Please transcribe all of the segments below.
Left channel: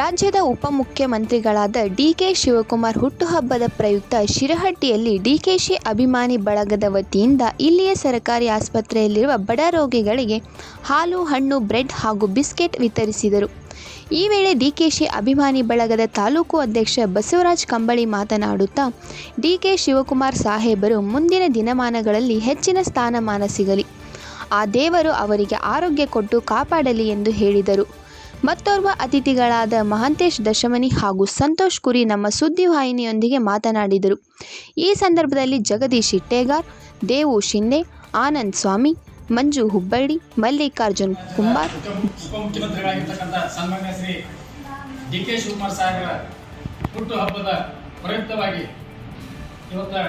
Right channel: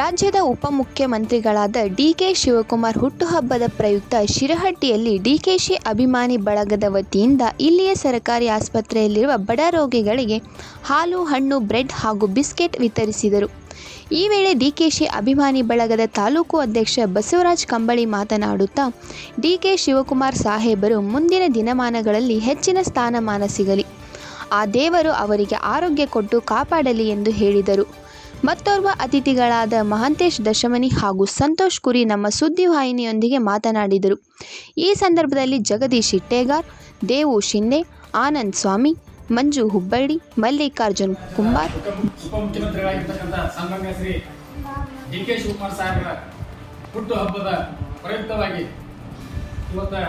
ರಾಜ್ಯದ ಉಪಮುಖ್ಯಮಂತ್ರಿಗಳಾದ ಡಿಕೆ ಶಿವಕುಮಾರ್ ಹುಟ್ಟುಹಬ್ಬದ ಪ್ರಯುಕ್ತ ಶಿರಹಟ್ಟಿಯಲ್ಲಿ ಡಿಕೆಶಿ ಅಭಿಮಾನಿ ಬಳಗದ ವತಿಯಿಂದ ಇಲ್ಲಿಯ ಸರ್ಕಾರಿ ಆಸ್ಪತ್ರೆಯಲ್ಲಿರುವ ಬಡ ರೋಗಿಗಳಿಗೆ ಹಾಲು, ಹಣ್ಣು, ಬ್ರೆಡ್ ಹಾಗೂ ಬಿಸ್ಕೆಟ್ ವಿತರಿಸಿದರು. ಈ ವೇಳೆ ಡಿಕೆಶಿ ಅಭಿಮಾನಿ ಬಳಗದ ತಾಲೂಕು ಅಧ್ಯಕ್ಷ ಬಸವರಾಜ್ ಕಂಬಳಿ ಮಾತನಾಡುತ್ತಾ, ಡಿಕೆ ಶಿವಕುಮಾರ್ ಸಾಹೇಬರು ಮುಂದಿನ ದಿನಮಾನಗಳಲ್ಲಿ ಹೆಚ್ಚಿನ ಸ್ಥಾನಮಾನ ಸಿಗಲಿ, ಆ ದೇವರು ಅವರಿಗೆ ಆರೋಗ್ಯ ಕೊಟ್ಟು ಕಾಪಾಡಲಿ ಎಂದು ಹೇಳಿದರು. ಮತ್ತೋರ್ವ ಅತಿಥಿಗಳಾದ ಮಹಾಂತೇಶ್ ದಶಮನಿ ಹಾಗೂ ಸಂತೋಷ್ ಕುರಿ ನಮ್ಮ ಸುದ್ದಿವಾಹಿನಿಯೊಂದಿಗೆ ಮಾತನಾಡಿದರು. ಈ ಸಂದರ್ಭದಲ್ಲಿ ಜಗದೀಶ್ ಇಟ್ಟೇಗಾರ್, ದೇವು ಶಿಂದೆ, ಆನಂದ್ ಸ್ವಾಮಿ, ಮಂಜು ಹುಬ್ಬಳ್ಳಿ, ಮಲ್ಲಿಕಾರ್ಜುನ್ ಕುಂಬಾರ್, ಉಪಮುಖ್ಯಮಂತ್ರಿಗಳಾಗಿರ್ತಕ್ಕಂಥ ಸನ್ಮಾನ್ಯ ಶ್ರೀ ಡಿಕೆ ಶಿವಕುಮಾರ್ ಸಾಹೇಬರ ಹುಟ್ಟುಹಬ್ಬದ ಪ್ರಯುಕ್ತವಾಗಿ ಇವತ್ತು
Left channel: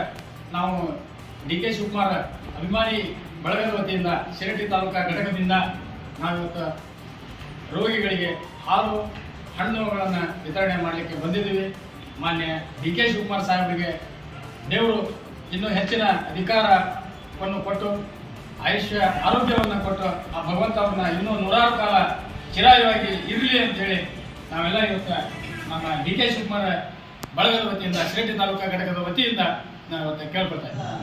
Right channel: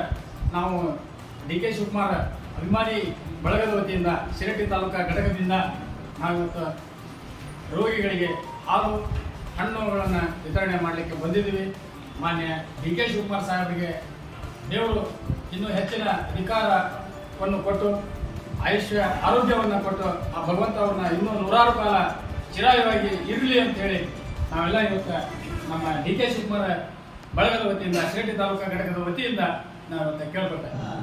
ನಾವು ಡಿಕೆ ಶಿವಕುಮಾರ್ ಅಭಿಮಾನಿ ಬಳಗದ ವತಿಯಿಂದ ಶಿರಹಟ್ಟಿ ತಾಲೂಕಾ ಘಟಕದಿಂದ ನಾವಿವತ್ತು ರೋಗಿಗಳಿಗೆ ಹಾಲು, ಹಣ್ಣುಗಳನ್ನು ವಿತರಣೆ ಮಾಡಲಿಕ್ಕೆ ಬಂದಿದ್ದೀವಿ. ಮಾನ್ಯ ಡಿಕೆ ಶಿವಕುಮಾರ್ ಸಾಹೇಬರಿಗೆ ದೇವರು ಇನ್ನೂ ಹೆಚ್ಚಿನ ಅಧಿಕಾರವನ್ನು ಕೊಟ್ಟು ಆಯುಷ್ಯ ಆರೋಗ್ಯವನ್ನು ಕೊಟ್ಟು ಆ ಭಗವಂತ ಅವ್ರನ್ನ ಇನ್ನೂ 100 ಕಾಲ ಚಿರಾಯವಾಗಿ ಇರಲಿ ಅಂತೇಳಿ ನಾವೆಲ್ಲ ಇವತ್ತು ನಮ್ಮ ಡಿಕೆ ಶಿವಕುಮಾರ್ ಬಳಗದ ವತಿಯಿಂದ ಶಿರಹಟ್ಟಿ ತಾಲೂಕಾ ಘಟಕದ ವತಿಯಿಂದ ನಾವು ಇವತ್ತು ಕೇಳ್ಕೊಳ್ತಾ ಇದ್ದೀವಿ.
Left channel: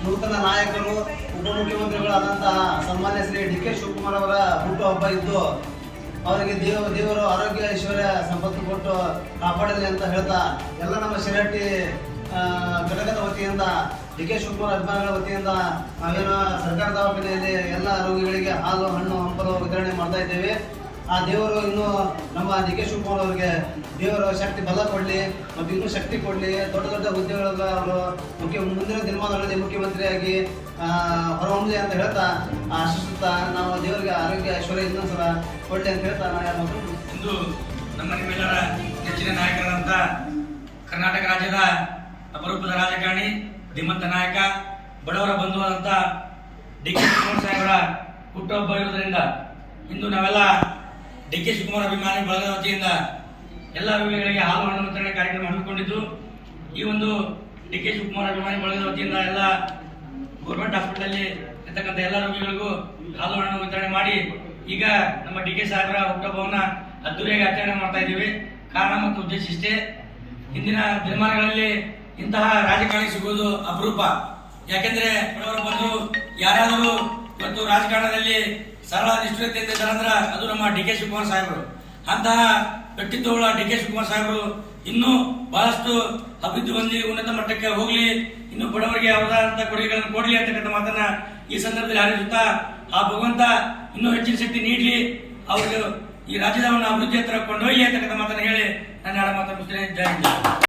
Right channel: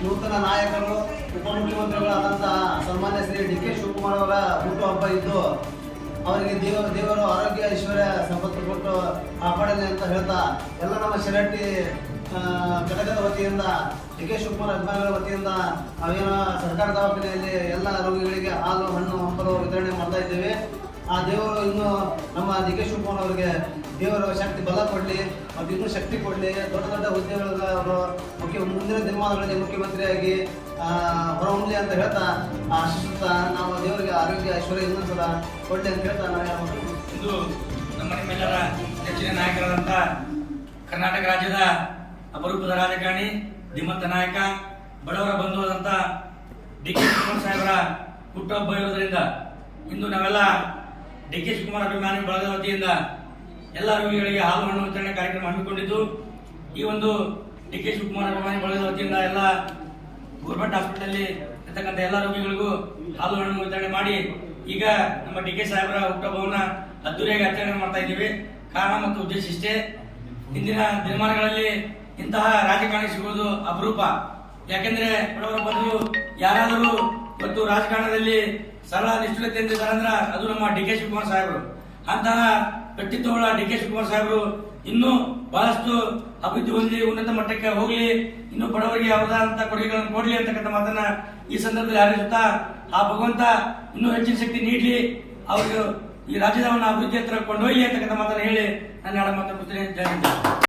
ನೂತನ ನಾಯಕರು ಉಪಮುಖ್ಯಮಂತ್ರಿಗಳಾದಂತಹ ಸನ್ಮಾನ್ಯ ಶ್ರೀ ಡಿಕೆ ಶಿವಕುಮಾರ್ ಅವರ ಹುಟ್ಟುಹಬ್ಬ ಇದ್ದು ಅವರಿಗೆ ದೇವರು ಆರೋಗ್ಯ ಐಶ್ವರ್ಯ ಸಂಪತ್ತು ಕೊಟ್ಟು ಕಾಪಾಡಲಿ ಅಂತ ಹೇಳ್ತಾ ಎಲ್ಲ ನಮ್ಮ ಶಿರಹಟ್ಟಿ ಘಟಕದ ವತಿಯಿಂದ ಡಿಕೆ ಶಿವಕುಮಾರ್ ಅಭಿಮಾನಿಗಳ ವತಿಯಿಂದ ನಾವೇನು ಸರ್ಕಾರಿ ದವಾಖಾನೆಯಲ್ಲಿ ಎಲ್ಲ ರೋಗಿಗಳಿಗೆ ಹಾಲು, ಹಣ್ಣು, ಹಂಪಲು ವಿತರಣೆ ಮಾಡ್ತಾ ಇದ್ದೇವೆ. ಆ ದೇವರು ಇನ್ನೂ ನಮ್ಮ ಡಿಕೆ ಶಿವಕುಮಾರ್ ಅವರಿಗೆ ದೇವರ ಶಕ್ತಿ ಬಲ ಕೊಡಲಿ ಮತ್ತು ಇನ್ನೂ ಶಕ್ತಿ ಕೊಡಲಿ, ದೊಡ್ಡ ದೊಡ್ಡ ಹುದ್ದೆಗಳೆಲ್ಲ ಅವರು ಮುಂದಿನ ದಿನಮಾನಗಳಲ್ಲಿ ಮುಖ್ಯಮಂತ್ರಿಯಾಗಿ ಹೊರಹೊಮ್ಮಲಿ ಅಂತ ಹೇಳ್ತಾ ಆಶಿಸುತ್ತಾ ನಾವು ದೇವರಿಗೆ ಆರೋಗ್ಯ ಐಶ್ವರ್ಯ ಇನ್ನೊಂದ್ಸಲ ಕೊಡಲಿ ಅಂತ ಹೇಳ್ತಾ ನಾನು ಇಂದು ನಮ್ಮ ನಿಮ್ಮೆಲ್ಲರ ನೆಚ್ಚಿನ ನಾಯಕರಾದಂಥ ಕರ್ನಾಟಕ ರಾಜ್ಯದ ಅಪರೂಪದ ರಾಜಕಾರಣಿ, ಧೀಮಂತ ನಾಯಕ, ಬಡವರ ಬಂಧುವಾದಂಥ ಡಿಕೆ ಶಿವಕುಮಾರ್ ಸಾಹೇಬರ ಹುಟ್ಟುಹಬ್ಬ ಇರುವುದರಿಂದ ಇಂದು ನಾವೆಲ್ಲ ಡಿಕೆ ಶಿವಕುಮಾರ್ ಅಭಿಮಾನಿ ಬಳಗದ ವತಿಯಿಂದ ಎಲ್ಲ ರೋಗಿಗಳಿಗೆ ಹಾಲು, ಹಣ್ಣು ವಿತರಣೆ ಕಾರ್ಯಕ್ರಮ ಹಮ್ಮಿಕೊಂಡಿದ್ದು, ಈ ಒಂದು ಡಿಕೆ ಶಿವಕುಮಾರ್ ಅಭಿಮಾನಿ ಬಳಗದ ವತಿಯಿಂದ ಎಲ್ಲ ಗೌರ್ಮೆಂಟ್ ಹಾಸ್ಪಿಟಲ್ ಇರ್ತಕ್ಕಂಥ ಎಲ್ಲ ರೋಗಿಗಳಿಗೂ ಹಾಲು, ಹಣ್ಣು ವಿತರಣೆ ಮಾಡಿ ಈಗ ನಮ್ಮ ಡಿಕೆ ಸಾಹೇಬರ ಹುಟ್ಟುಹಬ್ಬವನ್ನ ಅದ್ದೂರಿಯಾಗಿ ಆಚರಣೆ ಮಾಡ್ತಾ ಇದ್ದೀವಿ. ಕಾರಣ ಮತ್ತು ಉದ್ದೇಶ ಇಷ್ಟೇ, ಇಂದಿನ ದಿನಮಾನಗಳಲ್ಲಿ ಇಂತಹ ರಾಜಕಾರಣಿ ಸಿಗುವುದು ಅಪರೂಪ. ಯಾಕೆಂದ್ರೆ ಬಡವರ ಬಂದು ಯಾರಾದರೂ ಇವತ್ತು ರಾಜಕಾರಣದಲ್ಲಿ ಸರಳ ನಿಷ್ಠುರತೆ ಅಂದಿದ್ದಾರಂದ್ರೆ ಅದು ನಮ್ಮ ಡಿಕೆ ಶಿವಕುಮಾರ್ ಸಾಹೇಬರು. ಅಂತಹ ವ್ಯಕ್ತಿತ್ವಗಳ ಡಿಕೆ ಶಿವಕುಮಾರ್ ಸಾಹೇಬರು ಇನ್ನೂ ಬಹಳಷ್ಟು ಅಭಿವೃದ್ಧಿ ಹೊಂದಿ ಉನ್ನತ ಮಟ್ಟಕ್ಕೆ ಹೋಗ್ಲಿ, ಇನ್ನು ಬಡವರಿಗೆ ಯಾವುದಾದಂತ ಕೊಡುಗೆಗಳನ್ನು ಕೊಡ್ಲಿ ಅಂತಕ್ಕಂಥ ಮಾತನ್ನ ಈ ಸಂದರ್ಭದಲ್ಲಿ ಹಾರೈಸುತ್ತಾ ಆ ಭಗವಂತ ಇನ್ನೂ ಹೆಚ್ಚಿನ ಶಕ್ತಿ ನೀಡಲಿ, ಅವರಿಗೆ ಈ ರಾಜ್ಯದ ಅಭಿವೃದ್ಧಿ ಹತ್ರ ಕೊಂಡೊಯ್ಯಲಿ ಅಂತಕ್ಕಂಥ ಮಾತನ್ನು ಹೇಳಿ ನನ್ನ ಮಾತನ್ನು ಮುಗಿಸ್ತೇನೆ. ಜೈ ಹಿಂದ್.